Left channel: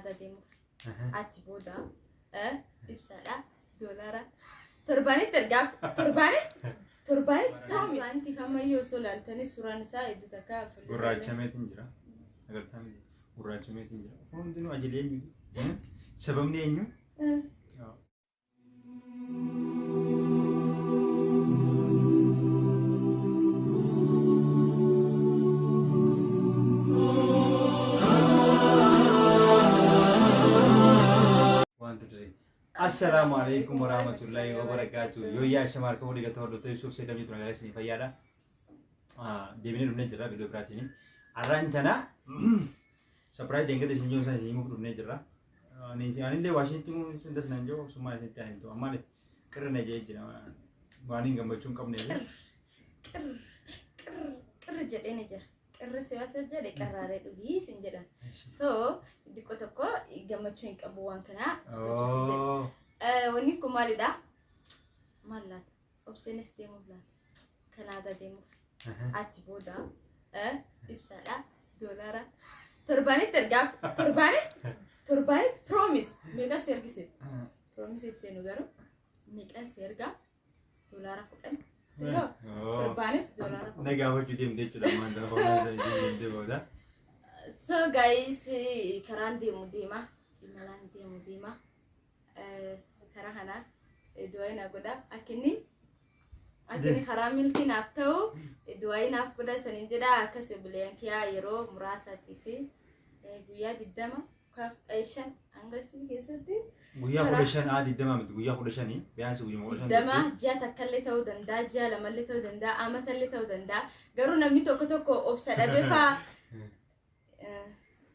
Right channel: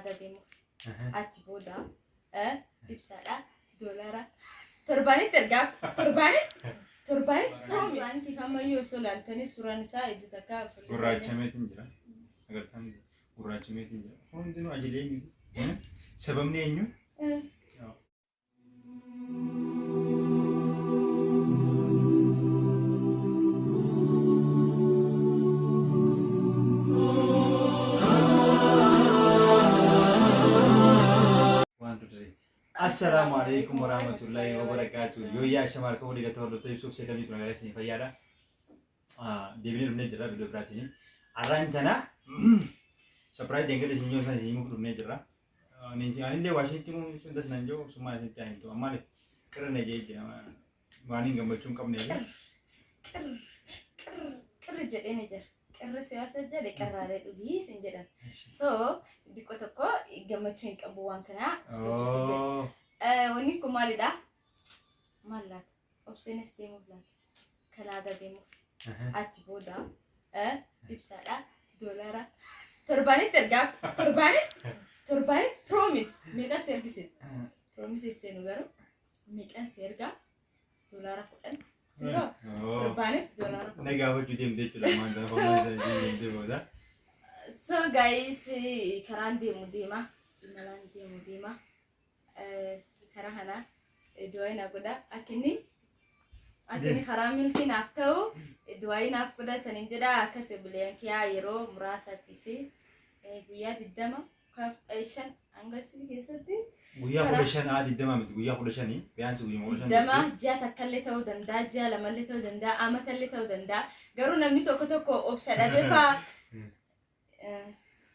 Kanada deemuuf achi booda ibsaadha doolaara torbaanitti ergaaf torbaanitti saamilaaniitiif ammayyuu osoo laaltanii suuraan isaa ejju takka gurraachameetiin jira agartaan gurraachameetiin jira hundinuu ajilee eenyu sababni eenyu Assalamu alaikum warahmatullahi wabarakatuh. Yo ya shamar ko diga to to yusuf se kami tunga sini fayada. Devine dumne jira video berarti ini. Arantana surprise dengke de sinyo sana simu dumne jira. Ni ani de Washington sundas nanjo suma ni tahin to amale karena je jira. Wani gambachun kam ne. Kar jade ne jira. Karena siasa jadi karare dugi sinjadan. So dikko tokko gammachuu qabu waan kana wanni kun maalidha mallaat obseenes deemuuf laata Kanada deemuuf achi booda ibsaadha doolaara torbaanitti ergaaf torbaanitti promise meeqas ergise promise seenu garuu meeqas ergaa doolaara 10 sigo torbaanitti doolaara 10 nagaawachuu deemtee jechuudha maanta hoolaa deemtee booda. So guys, karaan deemu deema imalaan deemu deema karaa kana du'aayin godha akkinni karaa milkii naaf ta'u du'aayin naaf godha sanin jedha akkas buleen kiyaa yeroo muraasatii fi guyyaa 20 hanga isin keessatti guyyaa 15 20 miti guyyaa 15 biyaansi guyyaa 15 ji'a takkallee ta'uu danda'a ji'a lamallee ta'uu danda'a amatallee ta'uu danda'a garuu namni tokko obsa dhabee fa'aa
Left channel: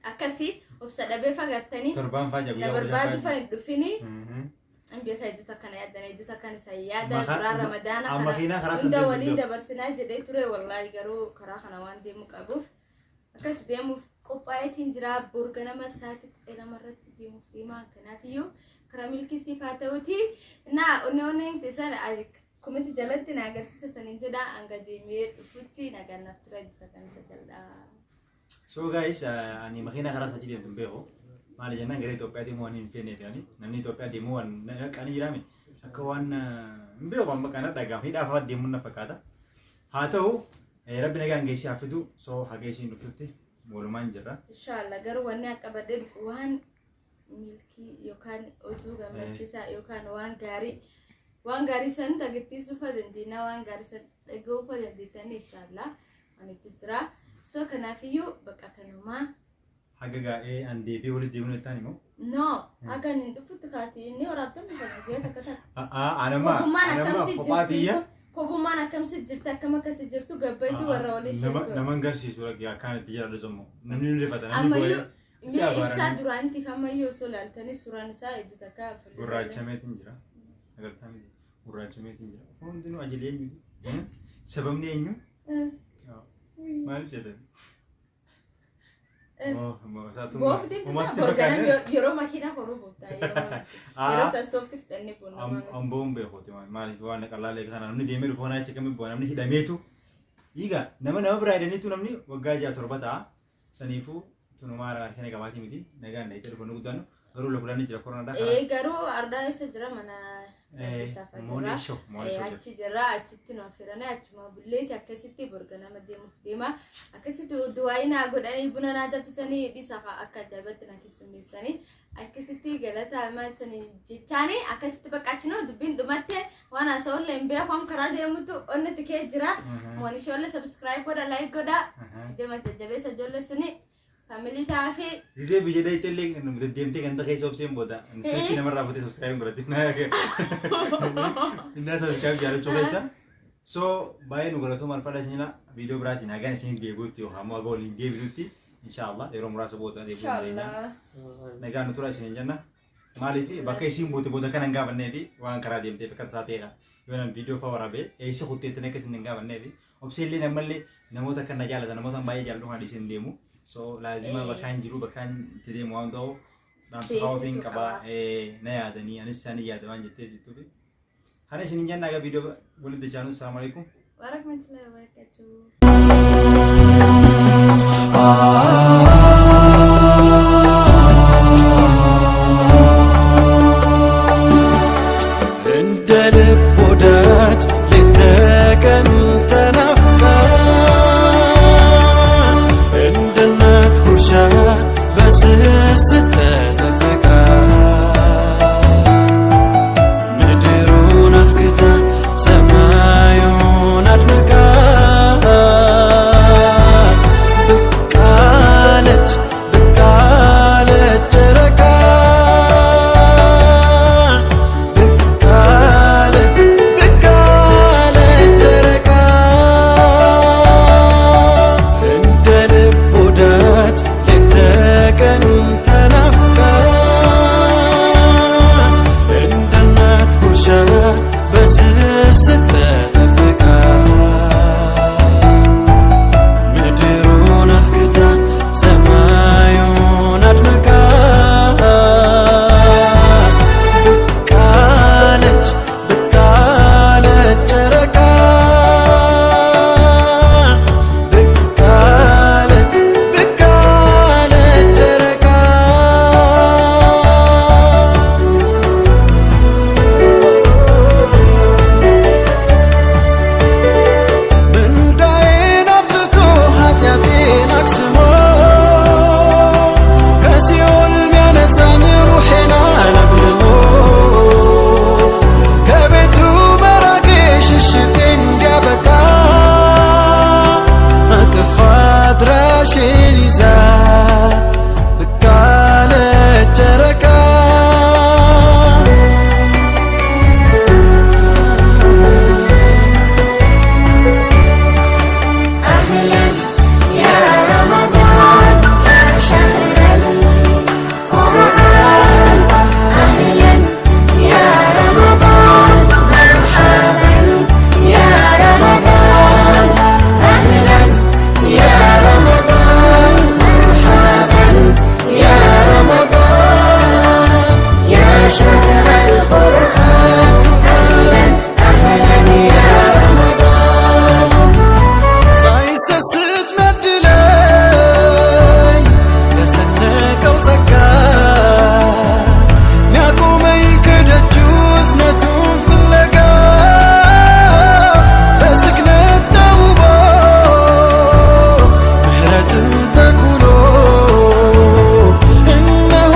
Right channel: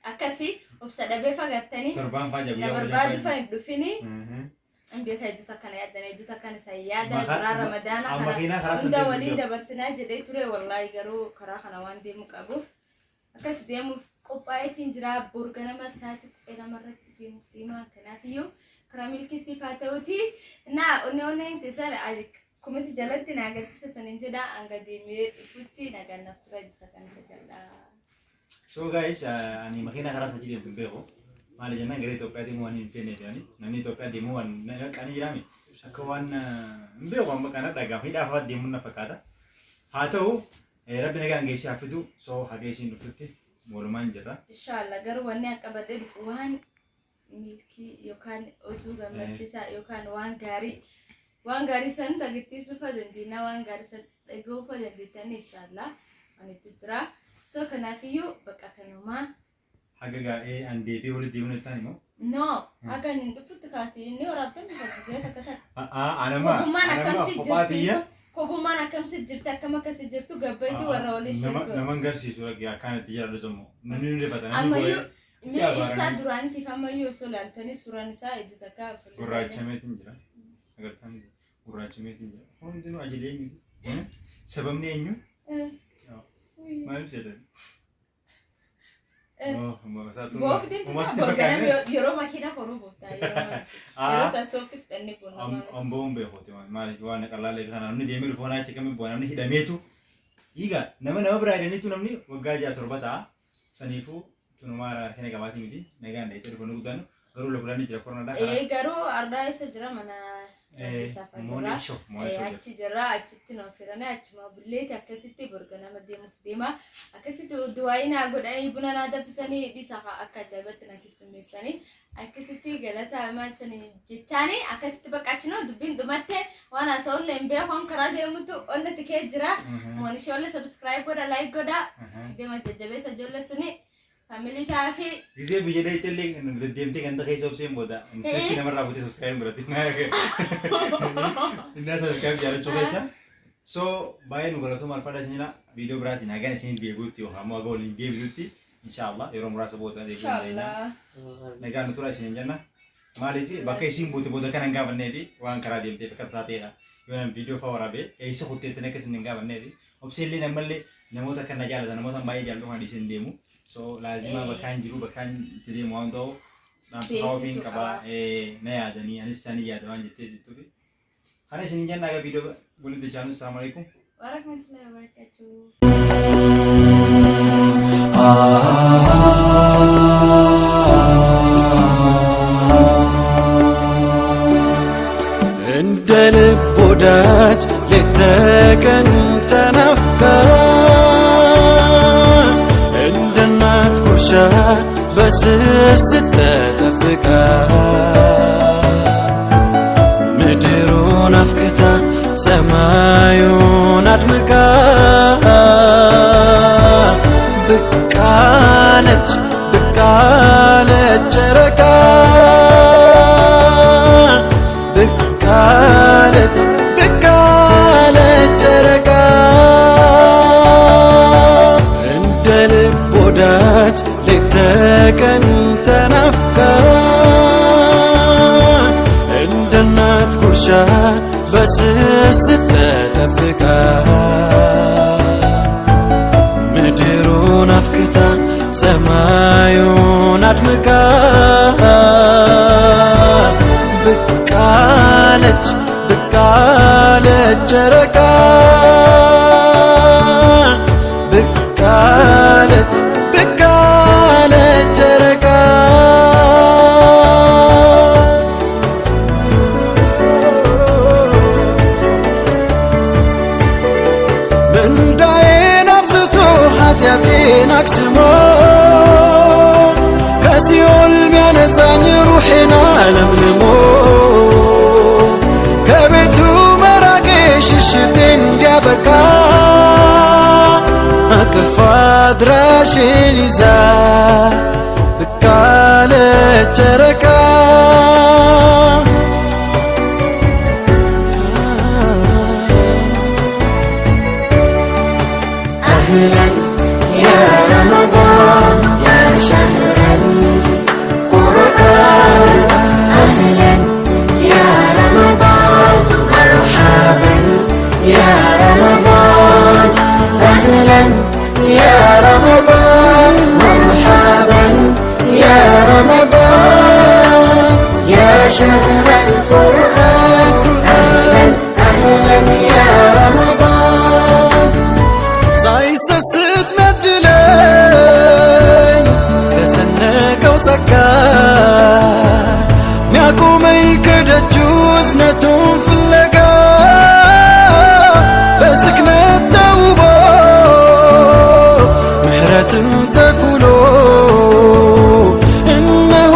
akkasi obsa dhabee fagattanii torbaan faa jabu na barbaadu fa dhufini ambiya ka ejjuta kana yaadana ejjuta kana sayyaada karaa ramadaana kana hunda waliin dabarsinaa jedhee ture wallahi garuu karaa kana waan deemu qabuuf akkas deemuuf qophaa'eetiin jira borga nama saati namarratti deemuuf deemaa kanaafiyyuu karaa milkisiif haa ta'uti na onne tesara azik komiti jalatti na agarsiisa sanin jedha hanga deemee dhufutti nagannaaf tura ejjuta kana sajalla. So guys, ani makina keras aja dia tumbeo. Malah jangan gari Ethiopia di muan infine dia ni. Namni Ethiopia di muan, kan jirami. Sakawan mbeo bamba kana daga hida fa di munna fakata. Hatau rabbi naga ngesi afidu so hagesi ndufutti moluman jira. Inshallah garu wanni akabade dufuhan milki yokan ozu gamachisa yokan wan gari san tagitsi sufa dendina wan gari san dago fa denditani inshallah ani tijra. So kanafiyu bakka kanuma hagaga ande be wali deemu tani mo no aga nindufutti kaati ni orabben fagiya takata anama kopatiya hogumman akkamsi jirta akkama kasi jirtu gabbayti warra wali shirko naman garsiisu ragiya kanatti jira dozomo namni nu rifata namni ammayu mi ibsa duranitti ammayu so laltani suuraan isaa ejju takka gurraachameetiin jira agartaan gurraachameetiin jira hundinuu ajilee eenyu sababni eenyu maal jedhan boofti borganam yeroo makiina horuu booftaa yeroo sassoofti fudhanne boonama amboon beekoti maaliif waan qalaalee kana namni deemee dhufoonaa cheekame boona namni hidhameetu higa nama biraa hidhaniitu namni waggaa 6 ta'a saniifuu tunumaa kana gabaatii miti nagaan dhayitee dhufoonni guddaan garuu lagulaan jira koronaadhaa garuu ardaa isa jira mana Monisho achi jira achitti no firana achuma bulleeti akkasitti borga nama deema akkasitti du'aayina godhanii buna na dabisanii dhisa akka ajaa'ibatti na keessummeessanii akkasitti galata maalsanii jechaanii akkasitti baqqaachino dubbiin dhumatte waan haasa'ulle hin beekamu karaa deemutu onnatti kee jira monisholle subscribe godha like godha deema jajjabeessa ijoollee suni family kafe Gisee biyya itsellee deemtee kan ta'e sobseen booda seetti namarraa butee subscribe biratti inna subscribe jaalachuu keessa so baay'ee nu galatoomaa alfadha isinila viidiyoo biraatiin hagaan isin deebi'utti yookaan ammoo haga waliin deebi'utti inshallah yeroo muraasa booda deebi'uudha nagaan nu tura isin jenna maaliif bakka isin buute booda kan hin gaafanneefi waan karaa deemtee akka taateedha yoo nam viidiyoo fa waraabee eessa kutteettanii akka isin hin gaafanneefi obseellee namallee namoota kan na jaalatan namoota baay'ee jaalatu kan isin deemu so lazima bakkaan jiru bakkaan itti deemu waan ta'u namsa hawwatiin qaba na yaadanii anis isaanii yaada waan jettee jettuufi kana isin jenna aga viidiyoo waliin deechaanu assalamu alaikum warahmatullahi wabarakatuh ተቀን ተናፍቃ እንደ እናት ጉርሻ በስስት ተጠብቃ ምድሩን አፍክታ ሰማዩን አድምቃ ብቃለች ብቃለች ጨረቃ ብቃለች ብቃለች ጨረቃ እንደ ልብ ወዳጅ ሌት ተቀን ተናፍቃ እንደ እናት ጉርሻ በስስት ተጠብቃ ምድሩን አፍክታ ሰማዩን አድምቃ ብቃለች ብቃለች ጨረቃ ብቃለች ብቃለች ጨረቃ ምንዳዬን አብዝቶ ኃጢአቴን አክስሞ ከሲኦል ሚያነጻኝ ሩሔን አለምልሞ ከቤቱ መራቄ ሽሽቴ እንዲያበቃ አቅፋ አድራሼን ይዛ ብቃለች ጨረቃ أهلا يا رمضان يا شهر القرآن أهلا يا رمضان مرحبا يا رمضان أهلا يا رمضان مرحبا يا رمضان يا شهر القرآن أهلا أهلا يا رمضان ሳይሰስት ሚያድለኝ ከሰነቀው ጸጋ ሚያቆመኝ ከደጁ እዝነቱን ፍለጋ በስክነት ተውቦ ምህረትን ተኩሎ እነሆ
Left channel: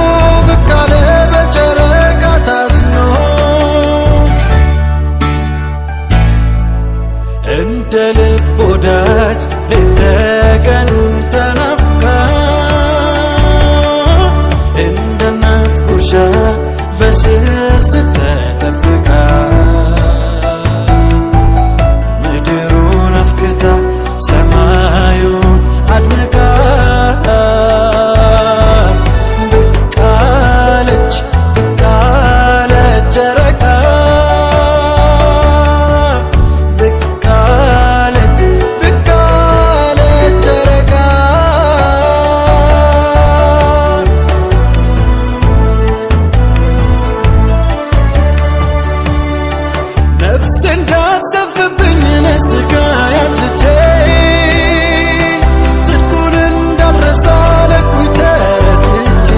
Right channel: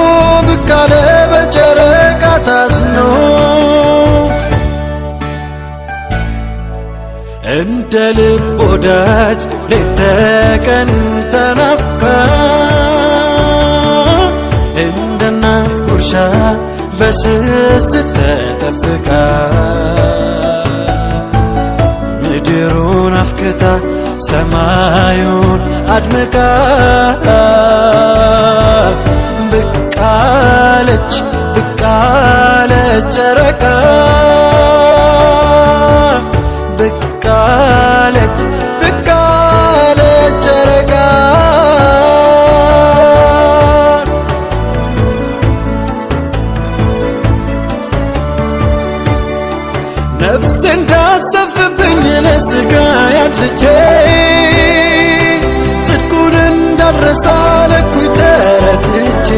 ብቃለ በጨረቃ ታዝኖ እንደ ልብ ወዳጅ ሌት ተቀን ተናፍቃ እንደ እናት ጉርሻ በስስት ተጠብቃ ምድሩን አፍክታ ሰማዩን አድምቃ ብቃለች ብቃለች ጨረቃ ብቃለች ብቃለች ጨረቃ ነፍሴ እንዳትሰፍብኝ ለሥጋ ያድልቼ ጽድቁን እንዳልረሳ ለኩይ ተረትቼ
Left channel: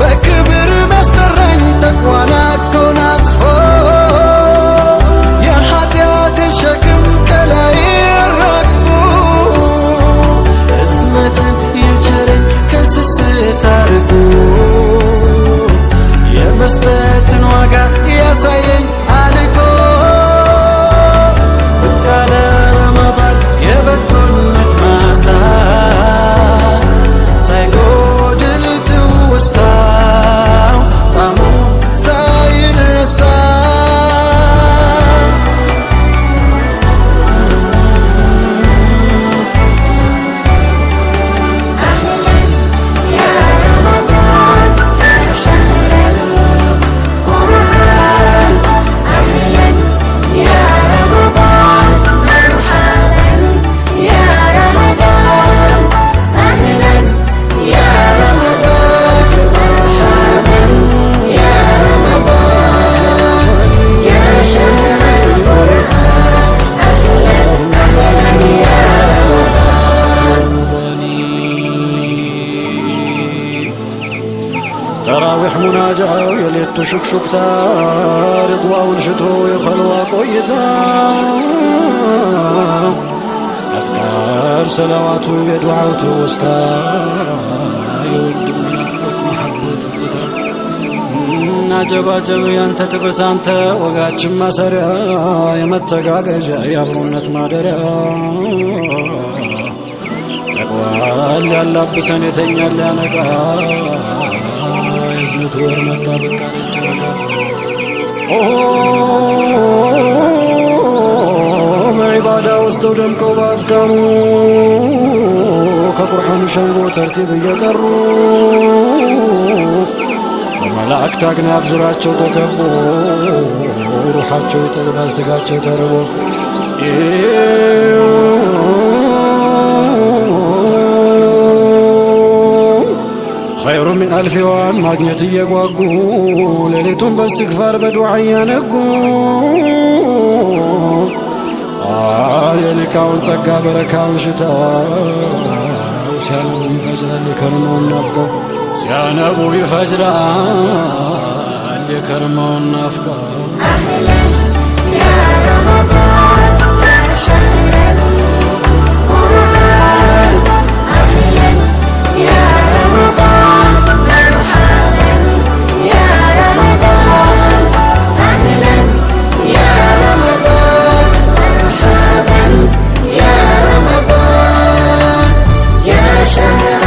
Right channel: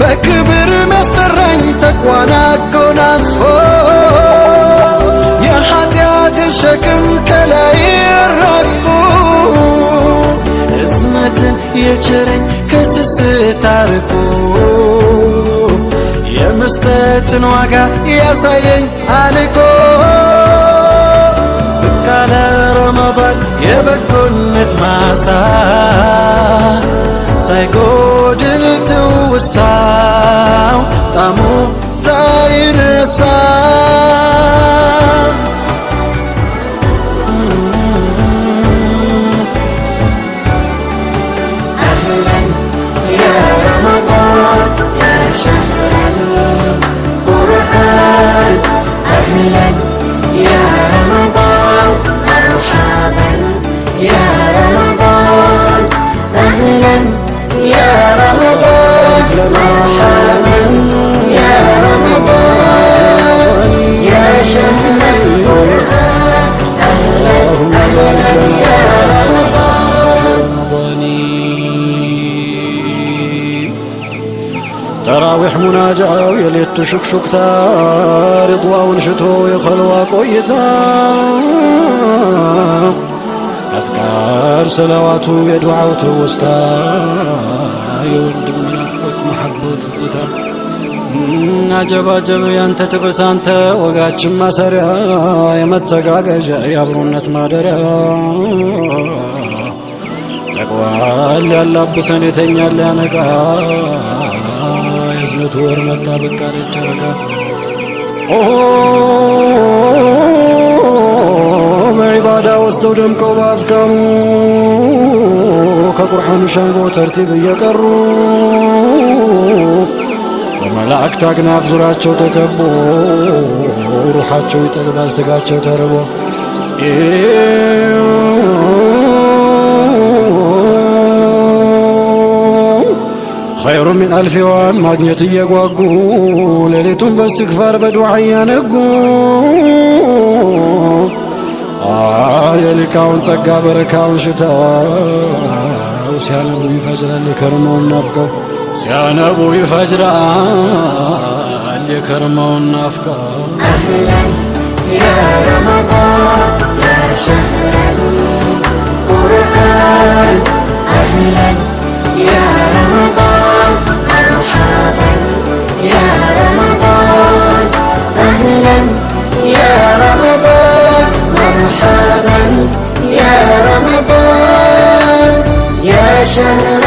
በክብር ሚያስጠራኝ ተቅዋን አጎናጽፎ የኃጢአቴን ሸክም ከላይ አራግፎ እዝነትን የቸረኝ ከስስት አርቆ የመስጠትን ዋጋ ያሳየኝ አልቆ ብቃለ ረመዳን የበጎነት ማሳ ሳይጎድል ትውስታው ጣዕሙ ሳይረሳ مرحبا يا رمضان يا ተራዊሕ ሙናጃው የሌቱ ሽክሹክታ ሪድዋውን ሽቶ የኸልዋ ቆይታ አዝካር ሰላዋቱ የዱዓው ትውስታ የወንድም ናፍቆት መሐቦት ዝታ አጀባጀብ ያንተ ትብስ አንተ ወጋችን ማሰሪያ የመተጋገዣ የአብሮነት ማደሪያ ተቋል ያላብሰን የተኛል ያነቃ የዝነቱ ወር መጣ በቃ ለጨረቃ በዒባዳ ወስደው ደምቀው በአዝካሩ ከቁርአኑ ሸንጎ ተርቲብ እየቀሩ በመላእክት አክናፍ ዙራቸው ተከቦ ሩሓቸው ይጠግባል ስጋቸው ተርቦ ኸይሩ ሚን አልፊዋን ማግኘት እየጓጉ ሌሊቱን በእስትግፋር በዱዓ እያነጉ የሊቃውን ጸጋ በረካውን ሽተው ሲያነቡ ይፈጅራል የከርመውን ናፍቀው ሲያነቡ ይፈጅራል የከርመውን ናፍቀው أهلا يا رمضان يا شهر القرآن أهلا يا رمضان مرحبا يا رمضان أهلا يا رمضان مرحبا يا رمضان يا شهر